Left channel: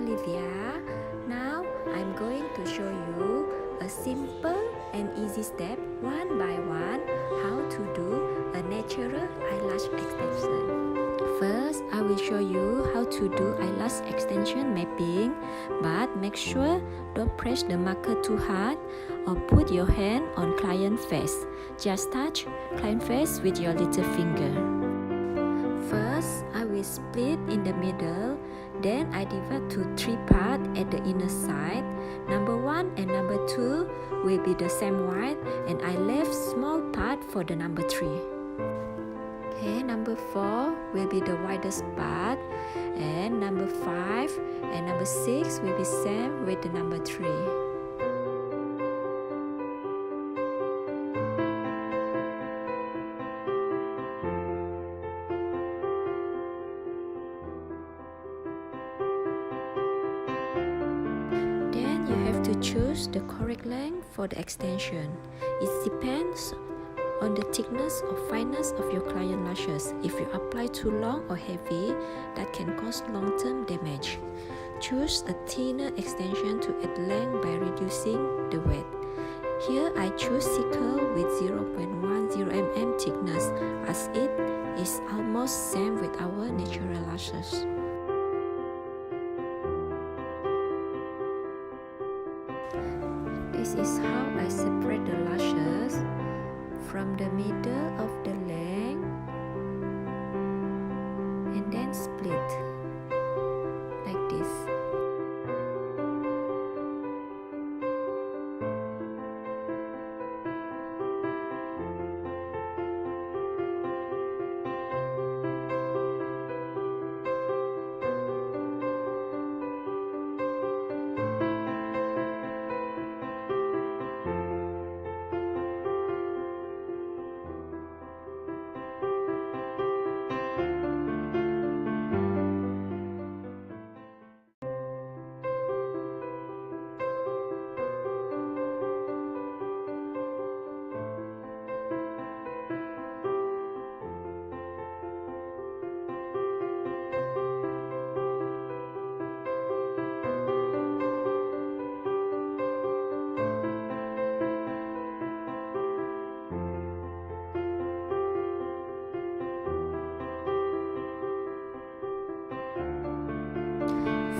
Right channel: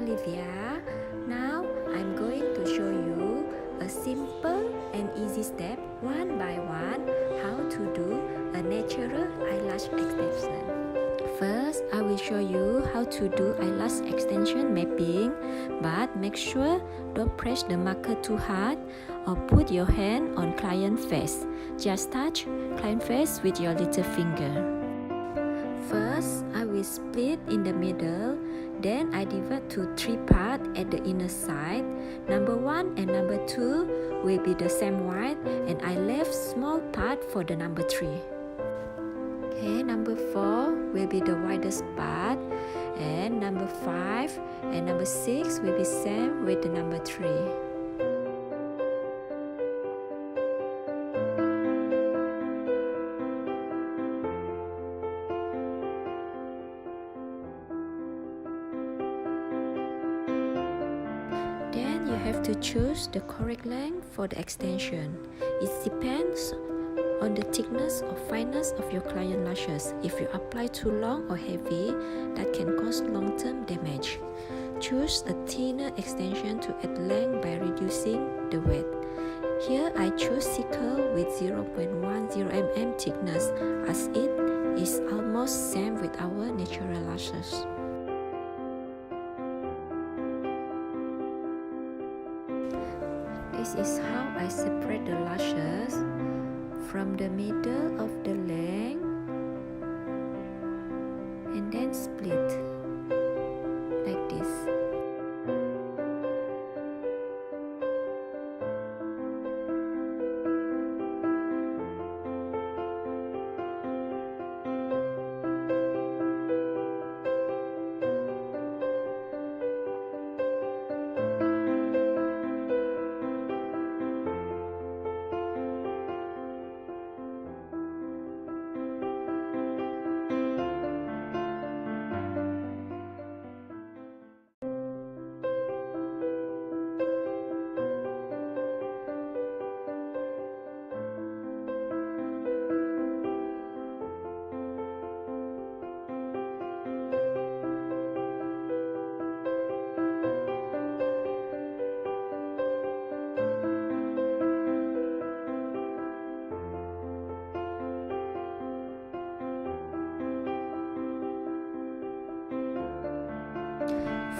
Olivia. Now I'm going to show you a simple and easy step one by one how to do a natural eyelash extension. First, I will show you how to do eyelash extension mapping, but make sure don't press the marker too hard or put your hand on client face. Just touch client face with your little finger. First, I will split in the middle, then I divide to 3 parts at the inner side. Number 1 and number 2 will be the same wide, and I left small part for the number 3. Okay, number 4 will be the widest part, and number 5 and number 6 will be same with the number 3. Then you have to choose the correct length for the extension. It depends on the thickness or fineness of your client lashes. If you apply too long or heavy, that can cause long-term damage. Choose a thinner extension to add length by reducing the width. Here I choose sickle with 0.10 mm thickness, as it is almost same with our natural lashes. This is how I separate the lashes from the middle of the length and then split like this.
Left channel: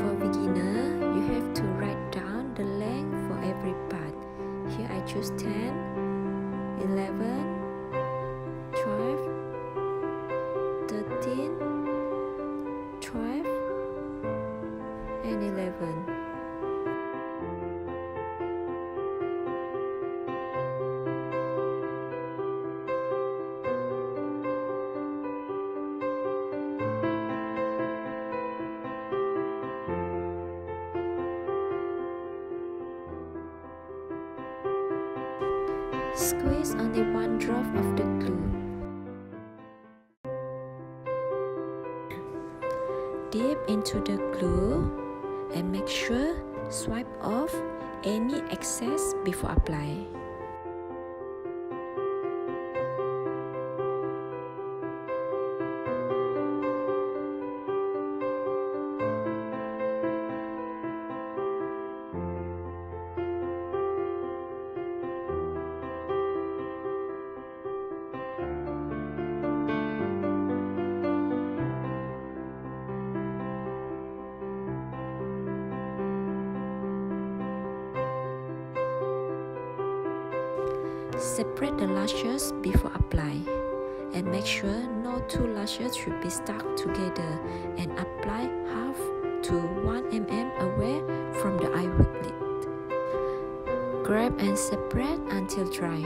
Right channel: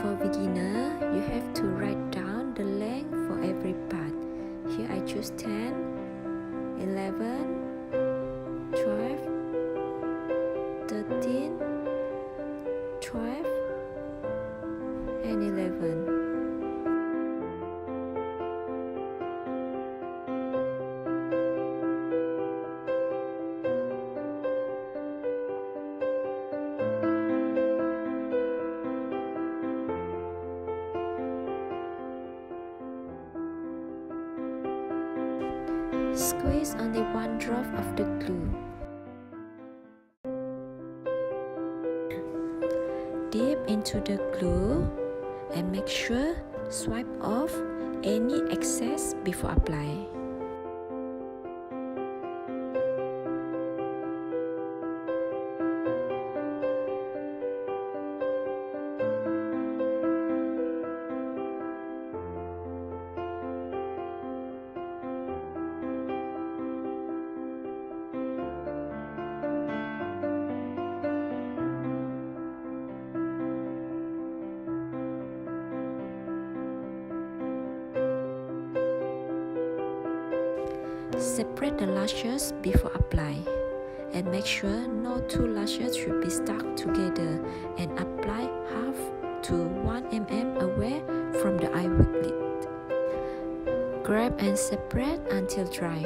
For beginner, you have to write down the length for every part. Here I choose 10, 11, 12, 13, 12, and 11. Squeeze only 1 drop of the glue. Dip into the glue and make sure swipe off any excess before apply. Separate the lashes before apply, and make sure no 2 lashes should be stuck together, and apply half to 1 mm away from the eyelid. Grab and separate until dry.